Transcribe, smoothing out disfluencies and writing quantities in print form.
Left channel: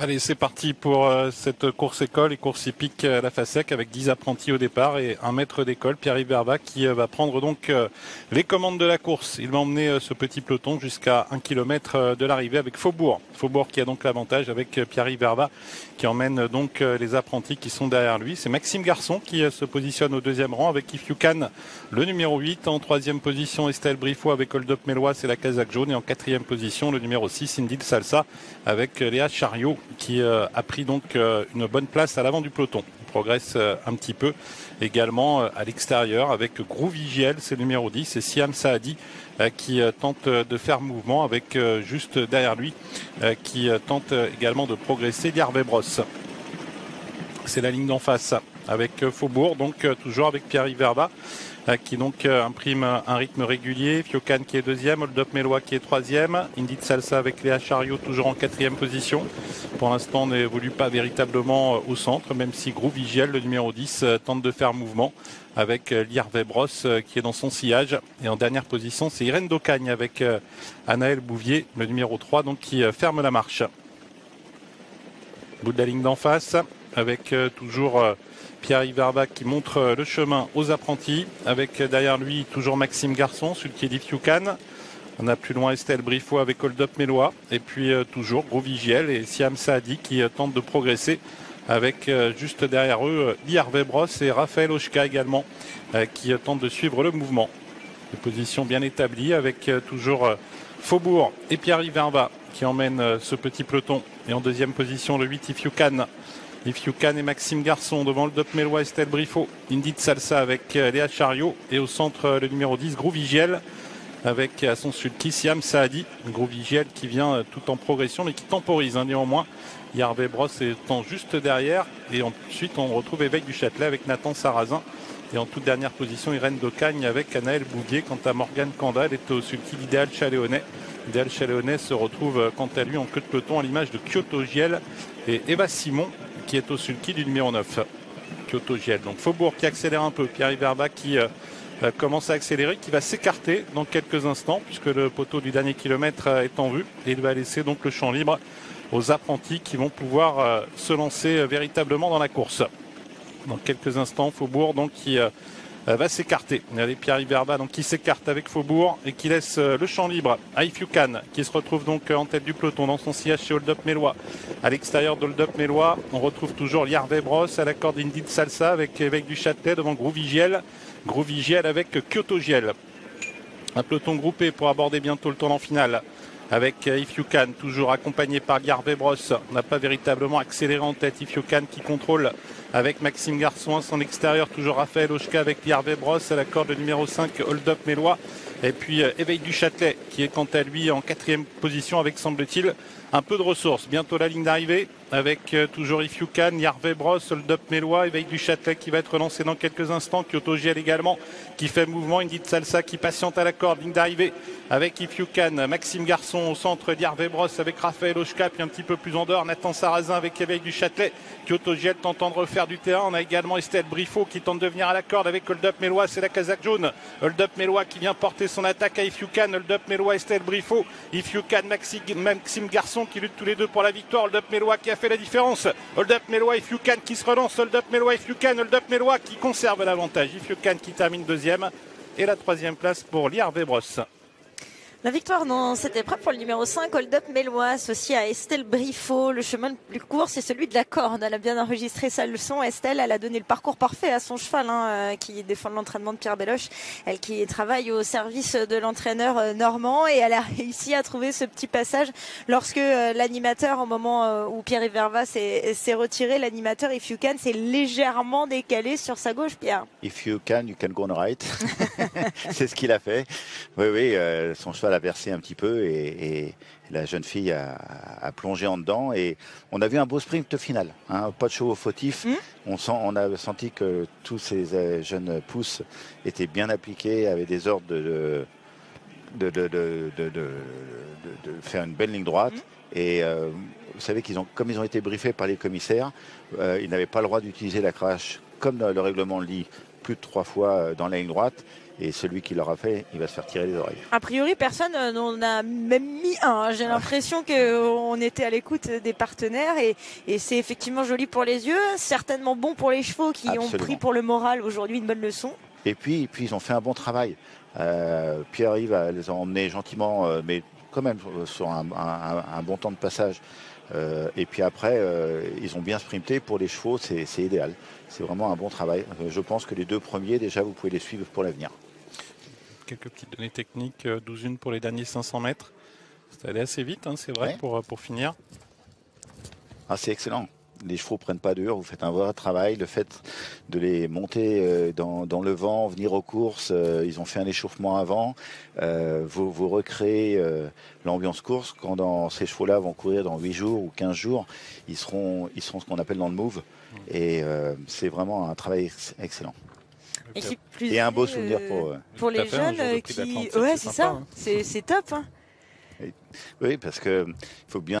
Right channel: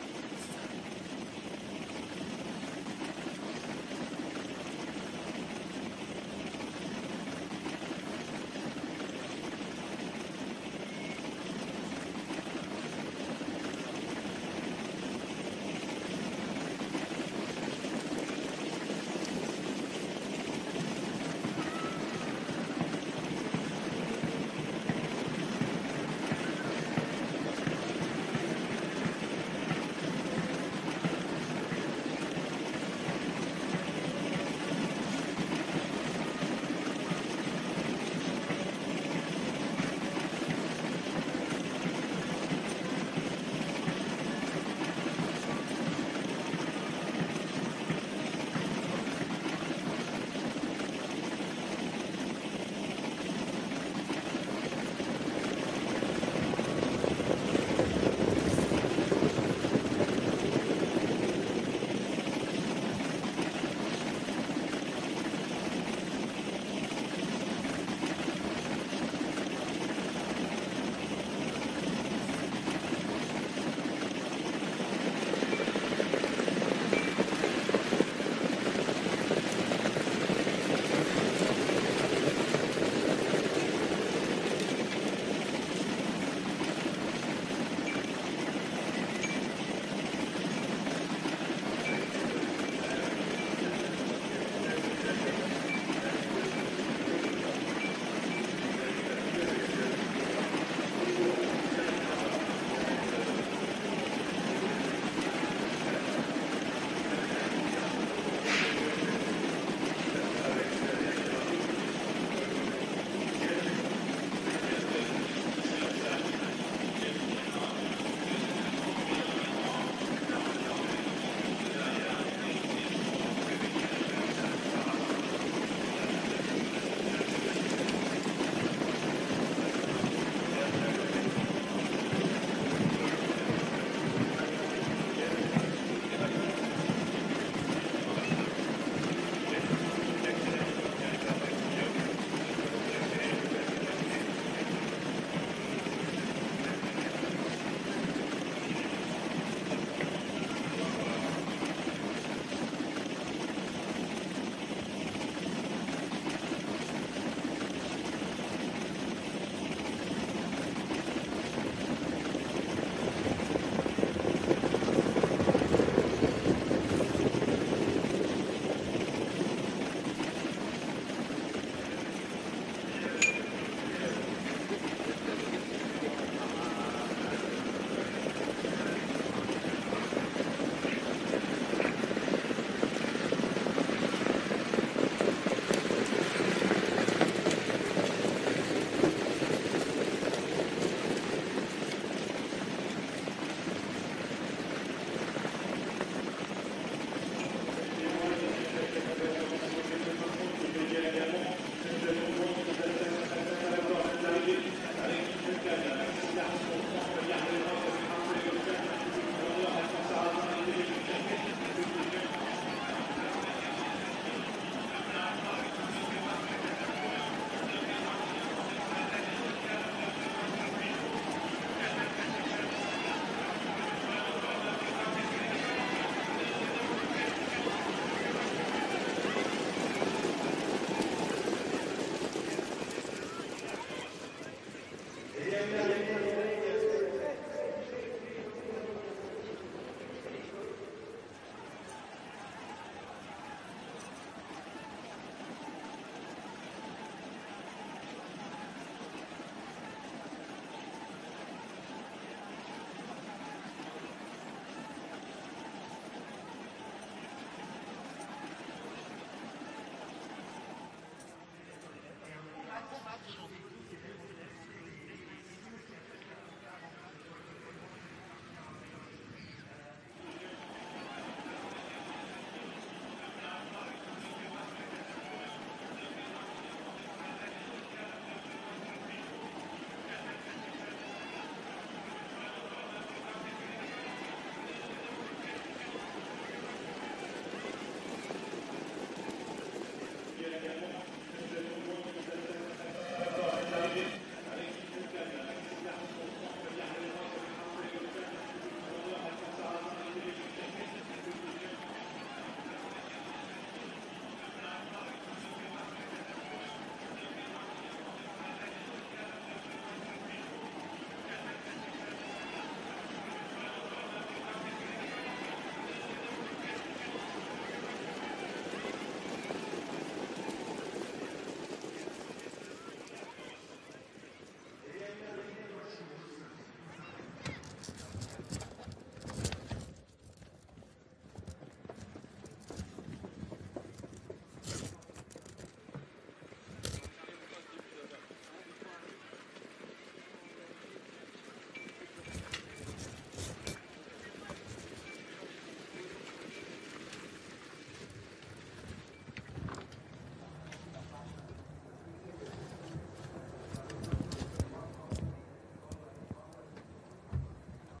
Allez, c'est parti pour cette course école et course hippique à la FASEC avec 10 apprentis au départ et un maître d'école, Pierre-Yves Verba, qui va prendre donc les commandes de la course. Il va emmener ce petit peloton jusqu'à 1 km de l'arrivée avec Faubourg. Faubourg qui a donc l'avantage avec Pierre-Yves Verba qui emmène donc les apprentis qui sont derrière lui. C'est Maxime Garçon qui se positionne au deuxième rang avec If You Can, le numéro 8. En troisième position, Estelle Briffaut avec Hold Up Mélois, c'est la casaque jaune. Et en quatrième position, le numéro 6, Indy Salsa avec Léa Chariot qui a pris donc une bonne place à l'avant du peloton. Il progresse un petit peu également à l'extérieur avec Groovy GL, c'est le numéro 10, et Siam Saadi qui tente de faire mouvement avec juste derrière lui qui tente également de progresser Garvey Brosse. C'est la ligne d'en face avec Faubourg, donc toujours avec Pierre-Yves Verba qui donc imprime un rythme régulier. Fiocan qui est deuxième, Hold Up Mélois qui est troisième, Indy Salsa avec Léa Chariot toujours en quatrième position. Pour l'instant, on n'évolue pas véritablement au centre, même si Groovy GL, le numéro 10, tente de faire mouvement avec Garvey Brosse qui est dans son sillage. Et en dernière position, c'est Irène Daucagne avec Anaël Bouvier, le numéro 3, donc qui ferme la marche. Bout de la ligne d'en face avec toujours Pierre-Yves Verba qui montre le chemin aux apprentis avec derrière lui toujours Maxime Garçon, celui qui est dit Fiocan. On a plus loin Estelle Briffaut avec Hold Up Mélois et puis toujours Groovy GL et Siam Saadi qui tente de progresser avec juste derrière eux Garvey Brosse et Raphaël Oshka également qui tente de suivre le mouvement. Une position bien établie avec toujours Faubourg et Pierre-Yves Verba qui emmène ce petit peloton. Et en deuxième position, le 8, If You Can. If You Can et Maxime Garçon devant le Hold Up Mélois, Estelle Briffaut, Indy Salsa avec Léa Chariot. Et au centre, le numéro 10, Groovy GL avec à son sud Siam Saadi. Groovy GL qui vient tout en progression mais qui temporise néanmoins. Garvey Brosse étant juste derrière. Et ensuite, on retrouve Éveil du Châtelet avec Nathan Sarrazin. Et en toute dernière position, Irène Daucagne avec Anaël Bouvier. Quant à Morgane Candal, est au sud d'Idéal Chaléonnet. Idéal Chaléonnet se retrouve quant à lui en queue de peloton à l'image de Kyoto Giel et Eva Simon qui est au sulky du numéro 9. Kyoto Giel. Donc Faubourg qui accélère un peu. Pierre-Yves Verba qui commence à accélérer, qui va s'écarter dans quelques instants puisque le poteau du dernier kilomètre est en vue. Et il va laisser donc le champ libre aux apprentis qui vont pouvoir se lancer véritablement dans la course. Dans quelques instants, Faubourg donc qui va s'écarter. Il y a Pierre-Yves Verba donc qui s'écarte avec Faubourg et qui laisse le champ libre à If You Can qui se retrouve donc en tête du peloton dans son sillage chez Hold Up Mélois. À l'extérieur de Hold Up Mélois, on retrouve toujours Garvey Brosse à la corde d'Indy Salsa avec Évêque du Châtelet devant Groovy GL. Groovy GL avec Kyoto GL. Un peloton groupé pour aborder bientôt le tournant final. Avec If You Can, toujours accompagné par Garvey Brosse. On n'a pas véritablement accéléré en tête. If You Can qui contrôle avec Maxime Garçon à son extérieur. Toujours Raphaël Oshka avec Garvey Brosse à la corde numéro 5, Hold Up Mélois. Et puis Éveil du Châtelet qui est quant à lui en quatrième position avec, semble-t-il, un peu de ressources. Bientôt la ligne d'arrivée avec toujours If You Can, Garvey Brosse, Hold Up Mélois, Éveil du Châtelet qui va être lancé dans quelques instants. Kyoto GL également qui fait mouvement. Indy Salsa qui patiente à la corde, ligne d'arrivée avec If You Can, Maxime Garçon au centre, Garvey Brosse avec Raphaël Oshka puis un petit peu plus en dehors, Nathan Sarrazin avec Éveil du Châtelet. Kyoto GL tentant de refaire du terrain. On a également Estelle Briffaut qui tente de venir à la corde avec Hold Up Mélois, c'est la casaque jaune. Hold Up Mélois qui vient porter son attaque à If You Can, Hold Up Mélois, Estelle Briffaut, If You Can, Maxime Garçon qui lutte tous les deux pour la victoire. Hold Up Mélois qui a fait la différence. Hold Up Mélois, If You Can qui se relance. Hold Up Mélois, If You Can, Hold Up Mélois qui conserve l'avantage. If You Can qui termine deuxième et la troisième place pour Garvey Brosse. La victoire dans cette épreuve pour le numéro 5, Hold Up Mélois, associé à Estelle Briffaut. Le chemin le plus court, c'est celui de la corde. Elle a bien enregistré sa leçon. Estelle, elle a donné le parcours parfait à son cheval qui défend l'entraînement de Pierre Belloche. Elle qui travaille au service de l'entraîneur normand et elle a réussi à trouver ce petit passage lorsque l'animateur, au moment où Pierre-Yves Verba s'est retiré, l'animateur If You Can s'est légèrement décalé sur sa gauche, Pierre. If you can go on right. C'est ce qu'il a fait. Oui, son cheval a versé un petit peu et la jeune fille a plongé en dedans et on a vu un beau sprint final, hein, pas de chevaux fautifs. On a senti que tous ces jeunes pousses étaient bien appliqués, avaient des ordres de faire une belle ligne droite et vous savez comme ils ont été briefés par les commissaires, ils n'avaient pas le droit d'utiliser la cravache comme le règlement le dit plus de 3 fois dans la ligne droite. Et celui qui l'aura fait, il va se faire tirer les oreilles. A priori, personne n'en a même mis un. J'ai l'impression qu'on était à l'écoute des partenaires et c'est effectivement joli pour les yeux, certainement bon pour les chevaux qui ont pris pour le moral aujourd'hui une bonne leçon. Et puis ils ont fait un bon travail. Pierre-Yves les a emmenés gentiment, mais quand même sur un bon temps de passage. Et puis après, ils ont bien sprinté. Pour les chevaux, c'est idéal. C'est vraiment un bon travail. Je pense que les 2 premiers, déjà, vous pouvez les suivre pour l'avenir. Quelques petites données techniques, 12-1 pour les derniers 500 mètres. Ça allait assez vite, hein, c'est vrai, pour finir. Ah, c'est excellent. Les chevaux ne prennent pas dur, vous faites un vrai travail. Le fait de les monter dans le vent, venir aux courses, ils ont fait un échauffement avant. Vous recréez l'ambiance course. Quand ces chevaux-là vont courir dans 8 jours ou 15 jours, ils seront ce qu'on appelle dans le move. Et c'est vraiment un travail excellent. Et un beau souvenir pour les jeunes qui... Ouais, c'est ça. C'est top. Hein. Oui, parce qu'il faut bien